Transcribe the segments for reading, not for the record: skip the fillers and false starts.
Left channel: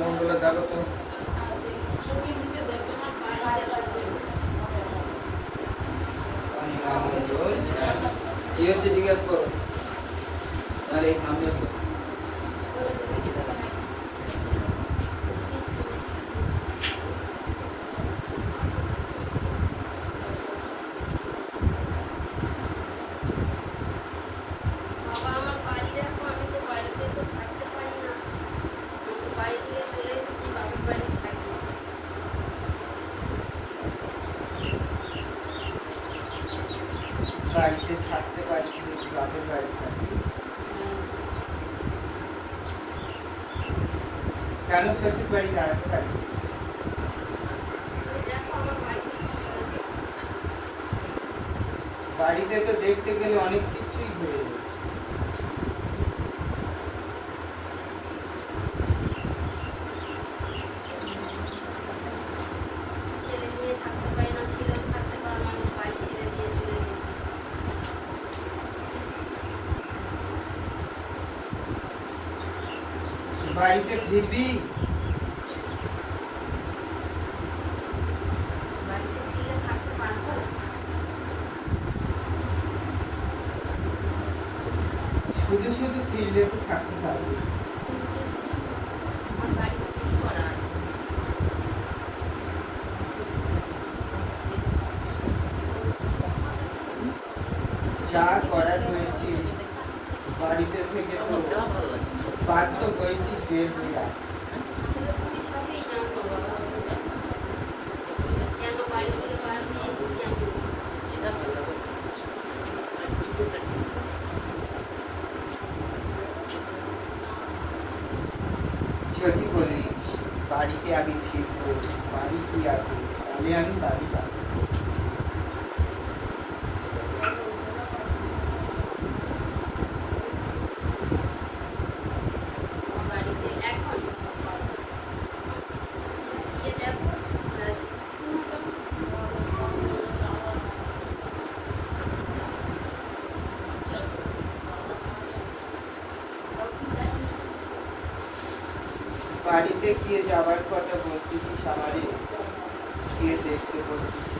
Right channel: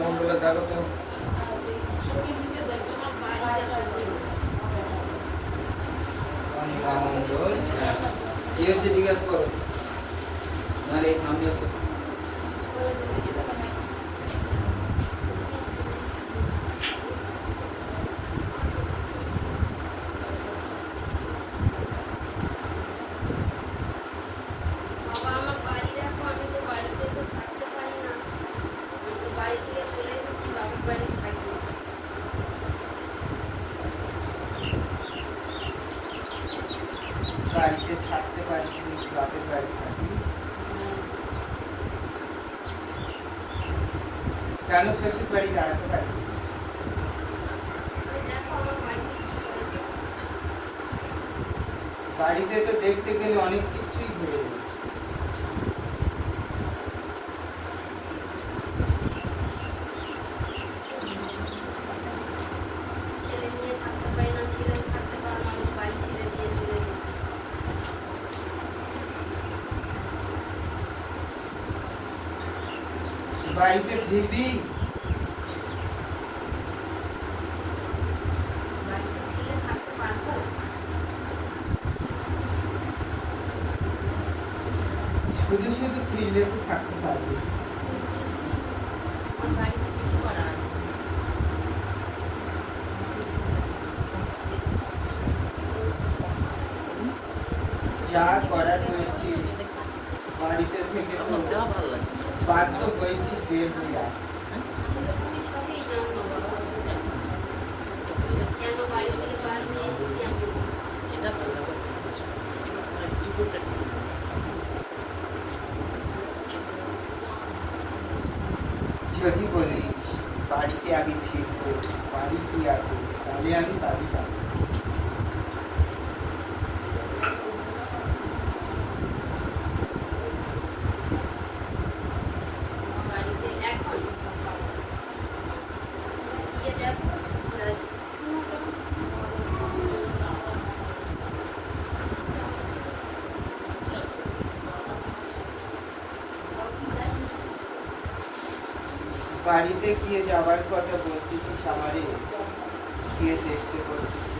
মঙ্গলে থাকো তো। কি হচ্ছে জিজ্ঞেস করো। নাহলে এই সামনে আসো। বাড়িতে থাকতে পারছি বাপের বাড়ি থাকি কেন শ্বশুর বাড়ি দাঁড়াতে পারি বাড়িতে তো দেখতে গেলে অনেক কিছুই হয়ে গেছে বাড়িতে ফিরবি শুধু শুধু ফিরলে তো থাকতে পারবি যা করার হয়েছে বাড়িতে থেকে তো বাধ্য হয়েছিস বের হয়ে আস যদি বলিস বাড়িতে আমি ফিরবো বাড়ি কি আছে তাহলে আমি বাড়ি যাবো বাড়িতে গিয়ে যাবার কথা বলতেছিস আমারে গিয়ে দেখতে বলতেছিস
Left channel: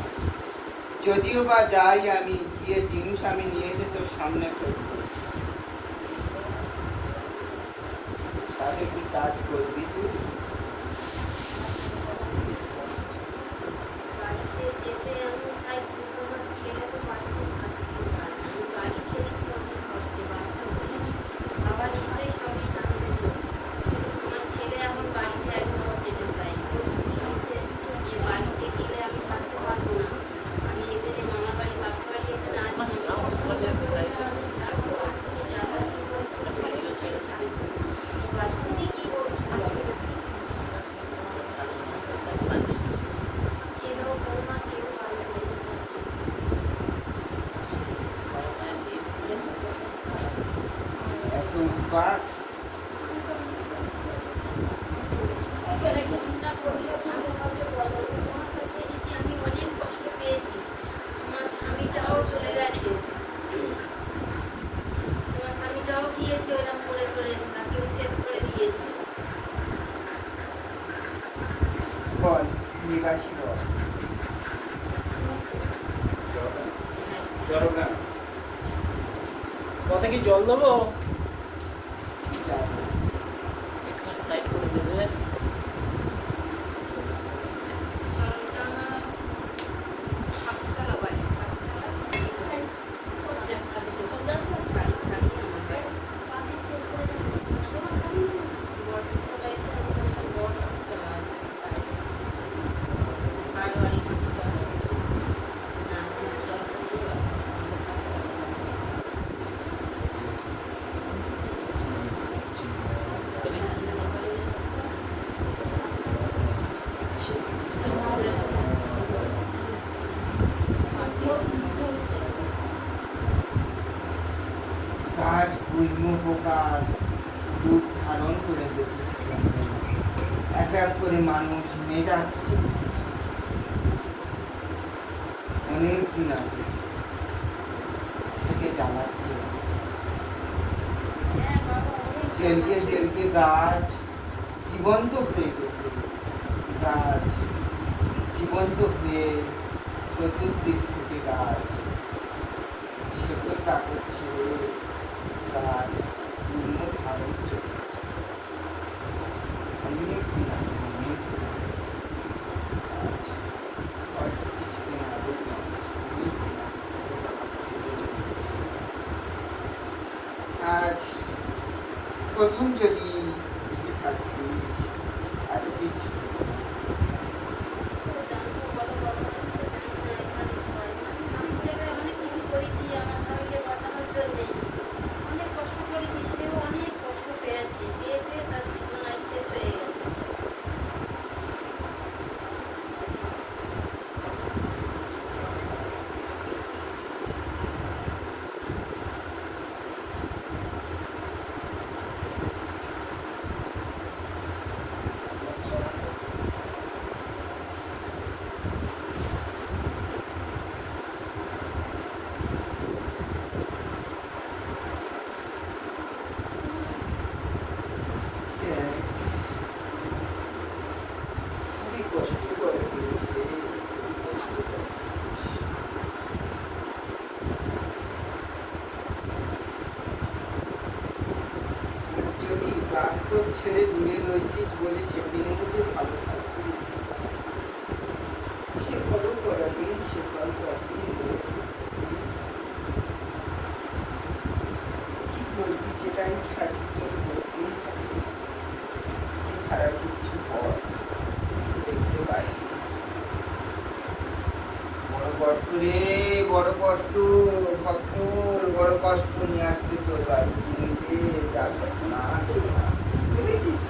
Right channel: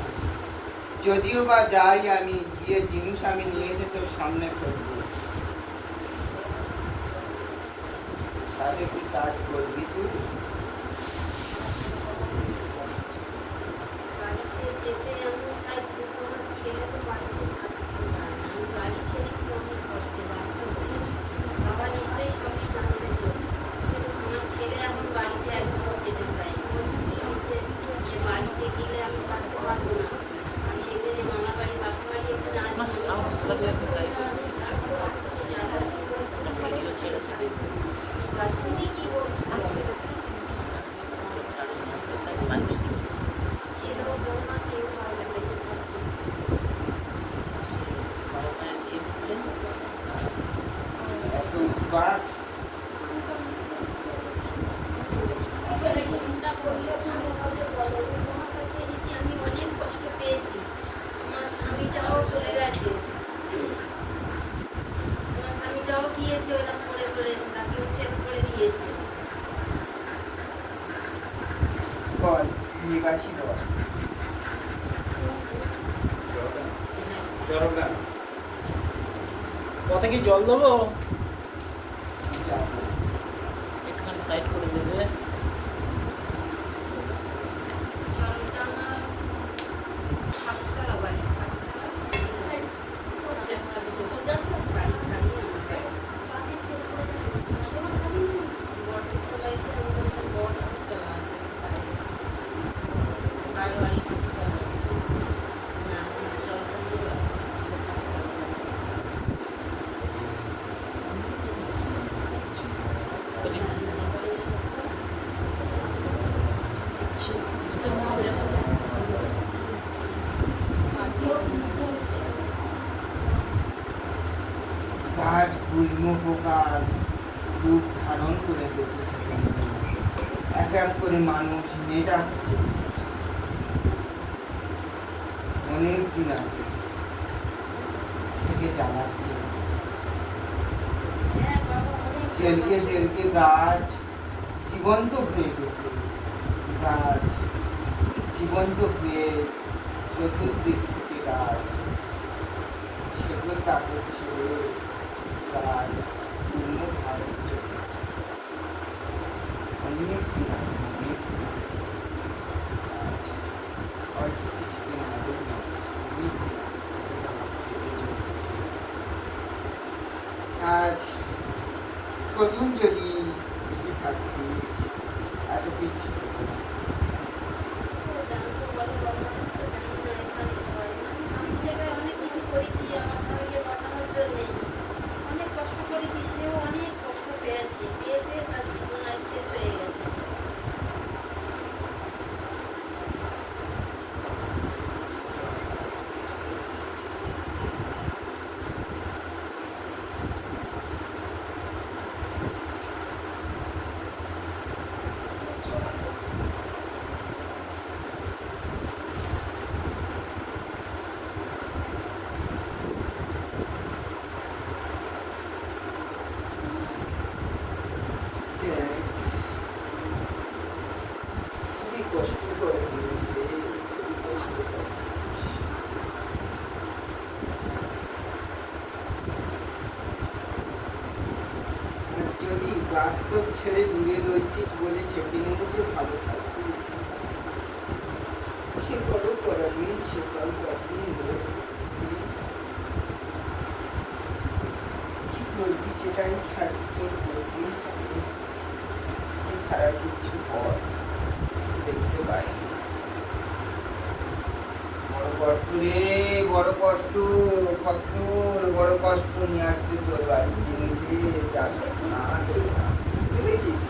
যদিও বা যাই আমি গিয়ে জিনিস আমি নিয়ে এসে তোর সামনে ফেলবো তাহলে কি কাজ করবি তুই বাস আমি অনেক কষ্ট পেয়েছি আমার স্বামীটাও চলে গেছে আমার স্বামীটাও গিয়েছে ওরকম করে করে তাকেও শেষ করে দিয়েছে বল নিবাসী বল কথা কি জল দেবো যা। এখানে সাইড করে দেবে কাজ গুল্ম পোকার রূপ ধারণ করে দিয়েছে এক এক করে মানুষ নিয়ে যাচ্ছে অনেক দিন আগে থেকে জ্বালাচ্ছে জেলকে জেলকে গাছ জীবন্ত হয়ে গেছে গাছ, জীবন্ত হয়ে চতুর্দিক থেকে গাছ, সেগুলো কাগজ ছেড়ে গাছ পূর্ণ ধারণ চলে গেছে। অনেক দিন আছে, অনেক দিন আছে। অল্প কিছুদিন আগের নয়, অনেক দিন আগে। আজ প্রথম যদি বেঁচে থাকবি এত কিছু হতো না। ওটা আমি তো বড় কথা, ওটা আমি না এখানে হয় না। আমি জায়গায় অনেক কিছু করেছি আমার স্বামীকে বাঁচানোর জন্যে, অনেক কষ্ট করেছি, সেও অনেক কষ্ট পেয়েছে, পেয়ে পেয়ে তার জীবন আজ শেষ হয়ে গেছে। খুবই কষ্ট করে পেরেছে, খুবই কষ্ট করে। আর যদি বাস্তব ছেড়ে দূরে রয়েছিস বলে সেদিনে যে ভালো থাকবি, সে ভালো করাবি, সে ভালো রাখবি। কি করবি, যেটাই থাকবি তোর করতেই হবে। এছাড়া কিছু পথ দেখতে পাইনি। বড় কষ্ট রে, বড় কষ্ট, ভক্তর বড় কষ্ট নিয়ে আসতে তোর বাড়ির দিনে যে যা ঘটনা ঘটনা। বুঝেছিস?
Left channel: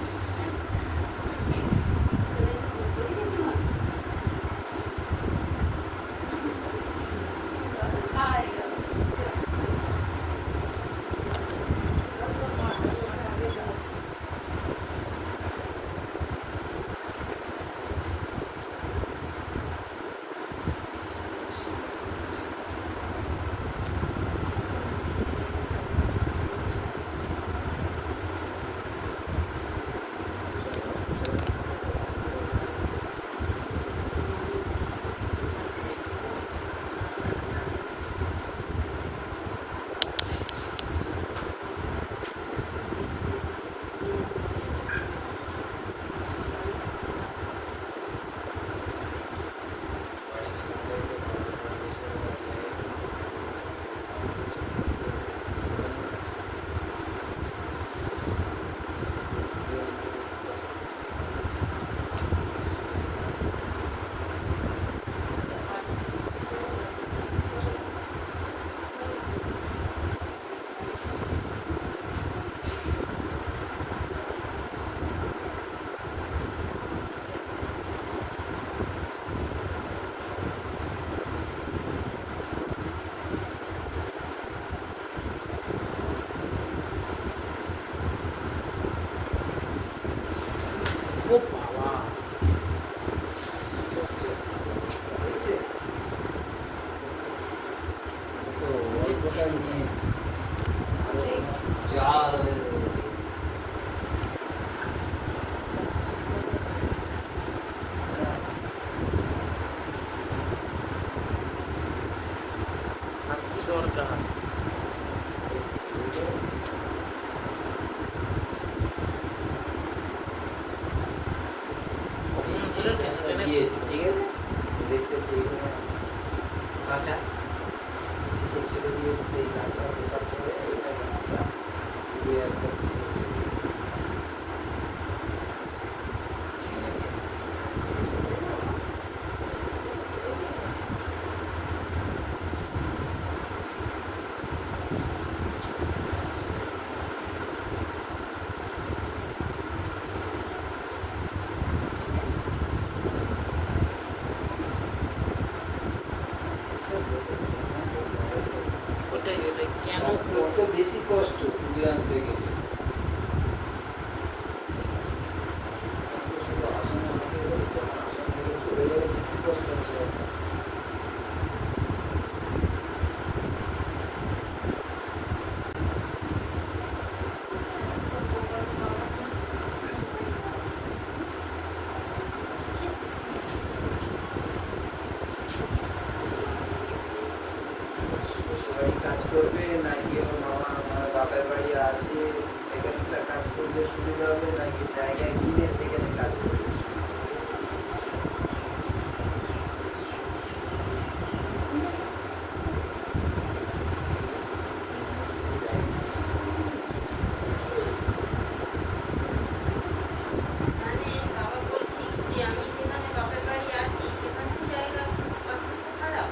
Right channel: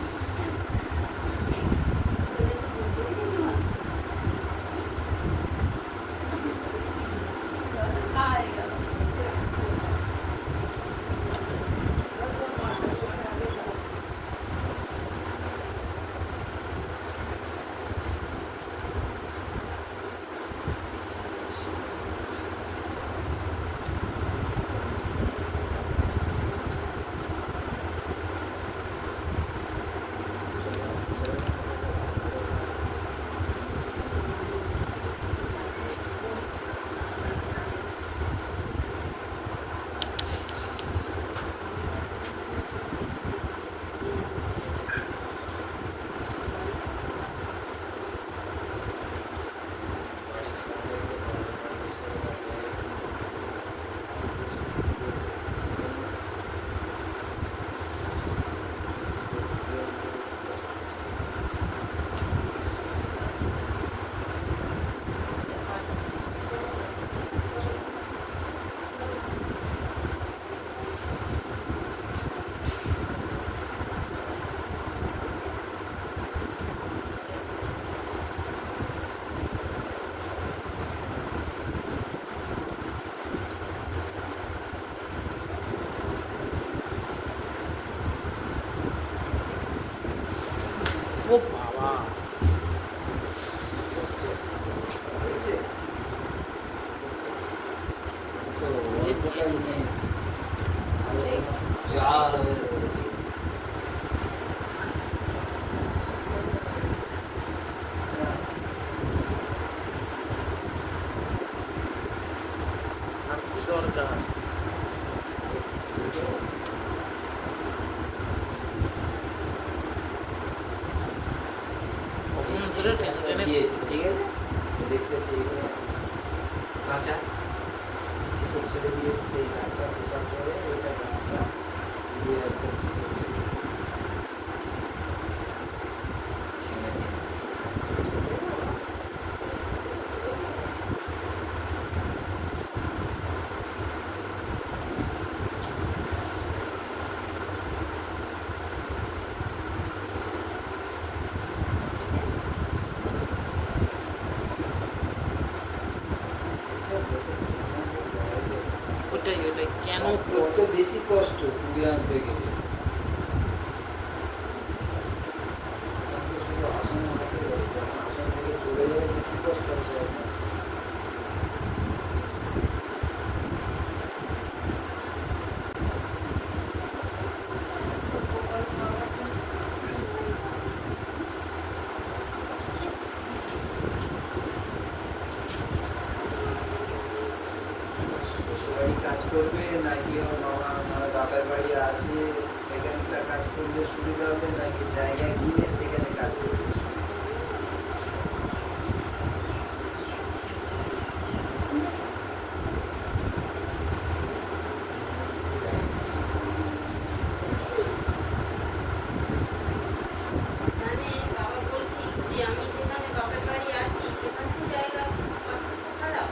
ও বাবা, তো এই প্রকার নিয়ে জাল আর কি দরকার? এই যে দিয়েছি, ঠিক আছে? দেখতেছি এখানে কাঁচা শিকড় ছেড়ে দিয়েছি, সেই গাছটা পেপার করে ওইটা গাছটা দিয়ে একদম শিকড় ছেড়ে দিয়েছি। ছেড়ে দিয়েছি। ওটাই ওটাই কেন তো বেশি কষ্ট তুলে আনতে গেলে। শুধু আসনে আছে, আসন থেকে চলে গেলে কি কষ্ট আছে আপনার? করবে নাকি ওর বাপের বাড়ি আছে সেখানটা কাজ করলে সুবিধা হবে নাকি জায়গায় গিয়ে সেখানে কাজ করবে? মানে বাবা বলছি যে আমি যেখানে বাপের বাড়ি আছি সেখানে তো জায়গা খারাপ।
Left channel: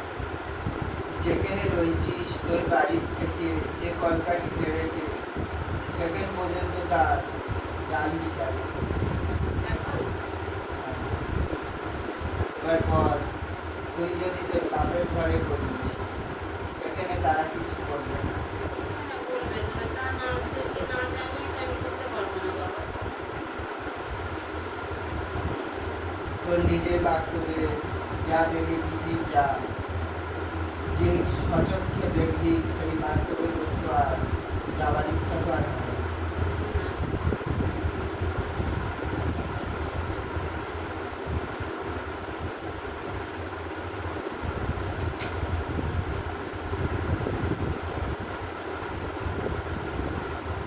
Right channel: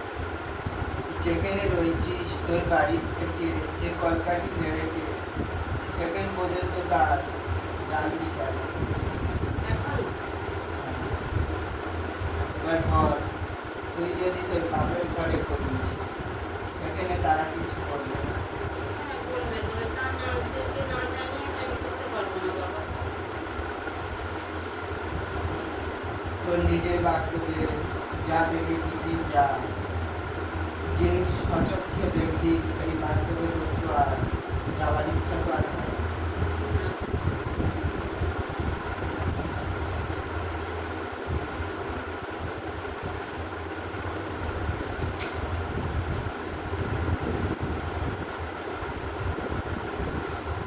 যেখানে রয়েছিস তোর বাড়ি থেকে যে কলকাঠি বেড়েছে সেখান পর্যন্ত তার চাল বিচার এখন এবার ঘর তুই যদি তোর বাপের ঘরে করিস সেখানে তারা কিছু করবে না। বলবে তো এটা না ওদেরকে না জানিয়ে তো আমি করতে পারবো না বাবা। তোর নিজের বাস্তবে যা দেখি পৃথিবীর যা জিনিস সচক্ষে দেখবি সেই বাস্তবের একটু আর যাওয়ার ইচ্ছা তো আর হয় না।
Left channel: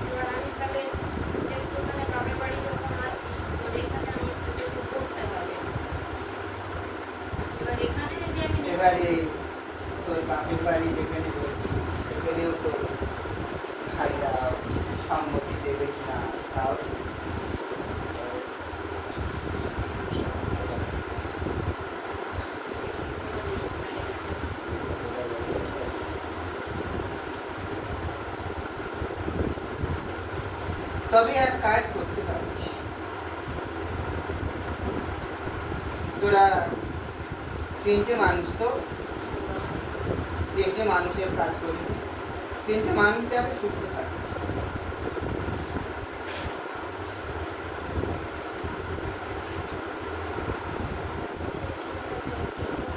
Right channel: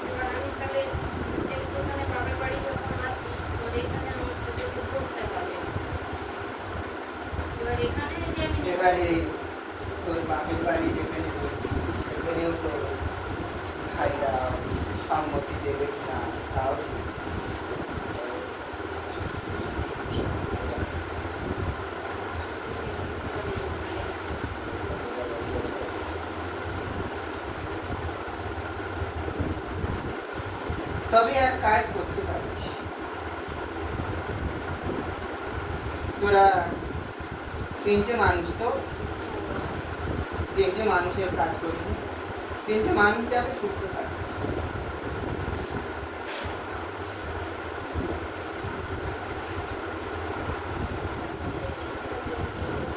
এবার আমি তাহলে যে সেখানে বাপের বাড়ি যখন আছি এবার এখানে আমাকে যদি করতে হবে। এবার এখানে যদি আমি এবারে তোর বাপের বাড়ি যেখানে রয়েছিস সেখানেও তোর ভাইরা সম্মতি দেবে কিনা তাও ঠিক। তবে এক কাজ করতে পারিস, তোরা তিনটে মানুষ তো তিনটে মানুষের কাজ করবি, তিনটে মানুষ যাতে সুস্থ থাকে।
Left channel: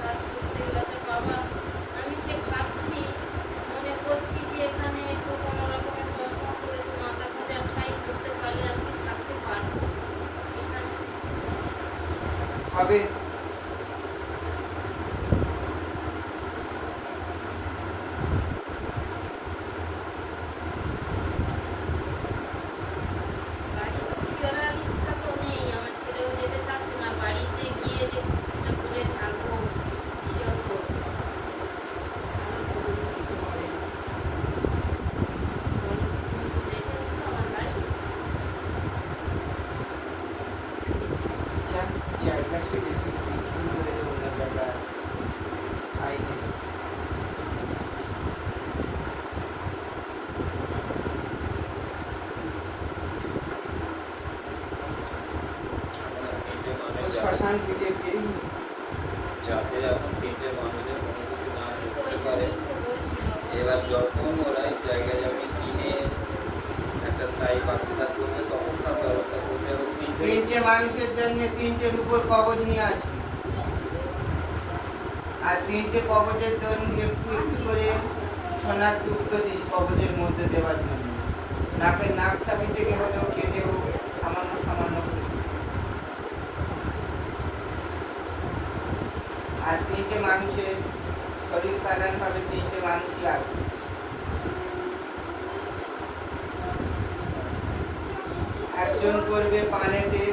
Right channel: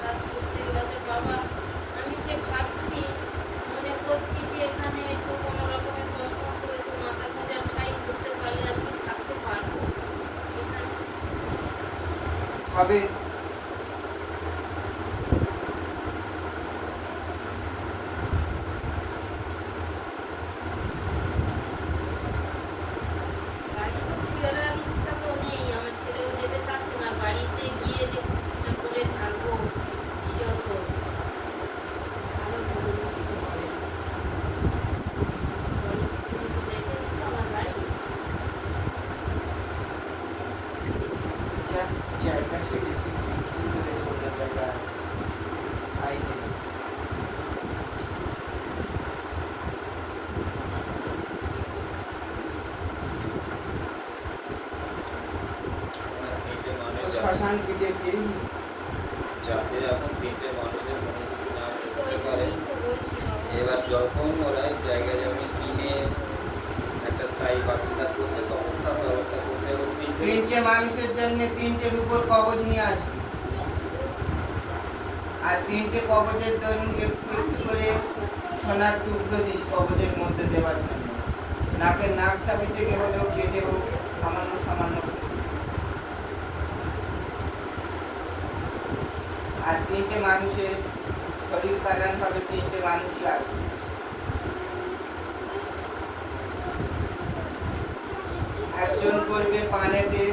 কাজ করতে গেছে বাবা আমি যে ভাবছি মনে করছি যে এখানে একটু কোনো রকমের কষ্ট করে তো মাথা খোঁজা খাই করতে পারলে আমি থাকতে পারবো এখানে। হবে বাড়িতে ফেরার ইচ্ছা তো নেই, আমার ছেলেও যেতে চাচ্ছে না, বাড়িতে গিয়ে যে খরচা করে থাকবো সেও তো ভালো করে কিছু হবে না। তুমি তো দেখে এসছো আমার বাড়ি। জায়গা সে জায়গা আইনি শ্মশান পিঠে গিয়ে যাতে এখন তিনটে মানুষের কোনো কিছু না তো করতে এই পারে। জন্যই তো বলছি বাবা। এবার যখন ওরা জায়গা জমি কিনে একটা স্থায়ী বাসিন্দা করছে তখন তার ব্যবস্থা করতে হবে। তিনটে মানুষের জন্য তিনটের উপর কবজ নিয়ে আসবে, আর তিনটে কবজের ধরুন একটু একটু করে সোনার টুকরো দিস কবজের মধ্যে দেওয়ার জন্য, নাকের নাক ছাপি থেকে হলেও কেটে হোক সামান্য সামান্য কিছু। আর তিনটে মানুষের শরীর কাটান হবে তিনটে মানুষ লাগবে। একজন করবে পানেতে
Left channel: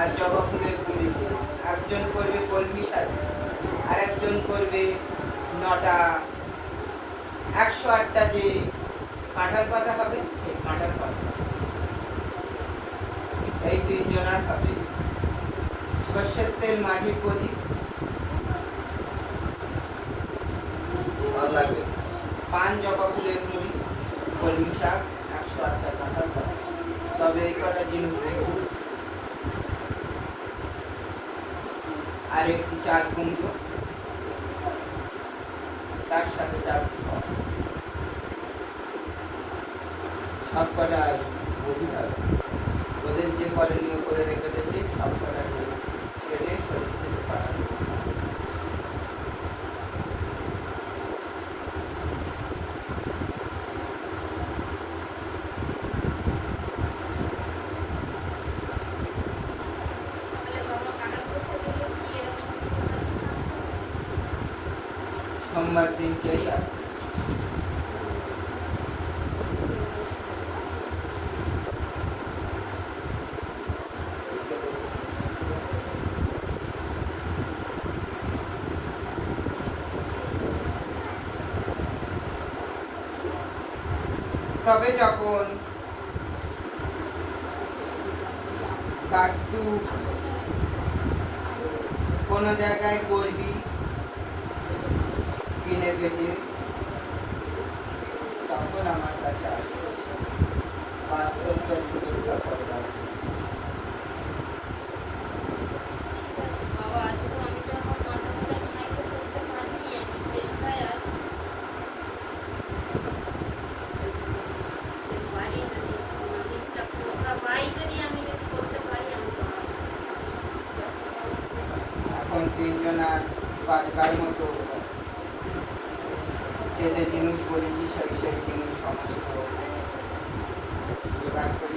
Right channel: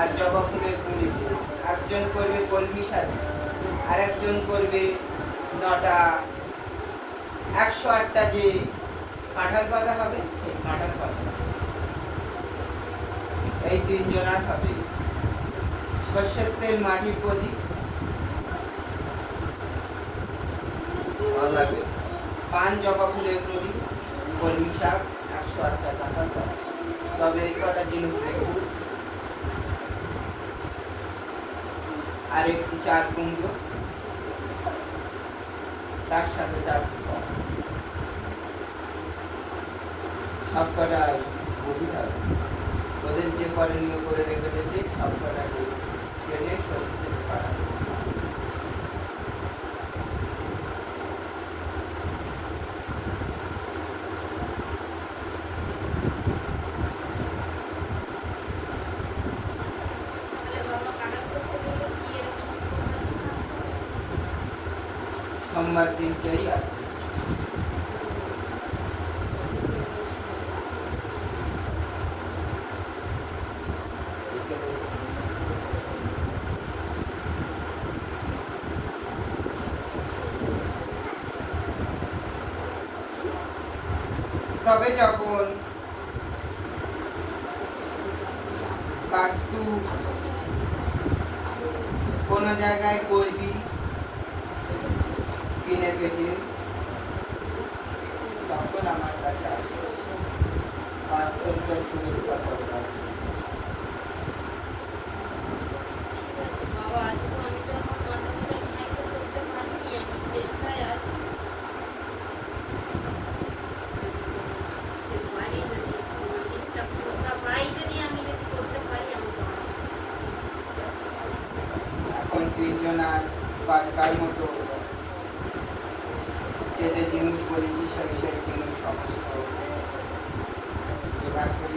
আর জবা ফুলের গুঁড়িতে, একজন করবে কলমি শাক, আর একজন করবে 9টা 108টা যে কাঁঠাল পাতা হবে সেই কাঁঠাল পাতা, এই তিনজনের হবে। সর্ষের তেল মাটির প্রদীপ, ভালো লাগবে। পান জবা ফুলের গুঁড়ি, কলমি শাক, 108টা কাঁঠাল পাতা, তবে এই কটা জিনিস দেখুন। আর একটু চার কুমড়ো, তার সাথে চার কুমড়ো, সব কটা গভীর হবে। ওদের যে করণীয় করে রেখে দিয়েছে সব কটাকে কেটে শরীর থেকে পাঠানো। তাহলে বাবা কাটাল করতে গেলে কি এরকম সময় থাকতে হবে? সোমবার দিনটাই আর তবে যখন কাস্তু কোনো জায়গায় করবি কিনে কেটে তখন আমার কাছে আসবে বাস্তব তোর সুবিধা করবে ঠিক আছে বাবা, আজকে আমি তো আমার মাথাটা ঠাইতে করতে পারিনি, আমি চেষ্টায় আছি। করতে পারি যদি আমার ইচ্ছা ক্ষমতা পাই, যদি আমি যদি করতে পারি আমি তো আসবো। এখন তিনজন আর বাজবার মতো যে যে জিনিস বলেছি সেই সেই জিনিস সমস্ত জোগাড় করে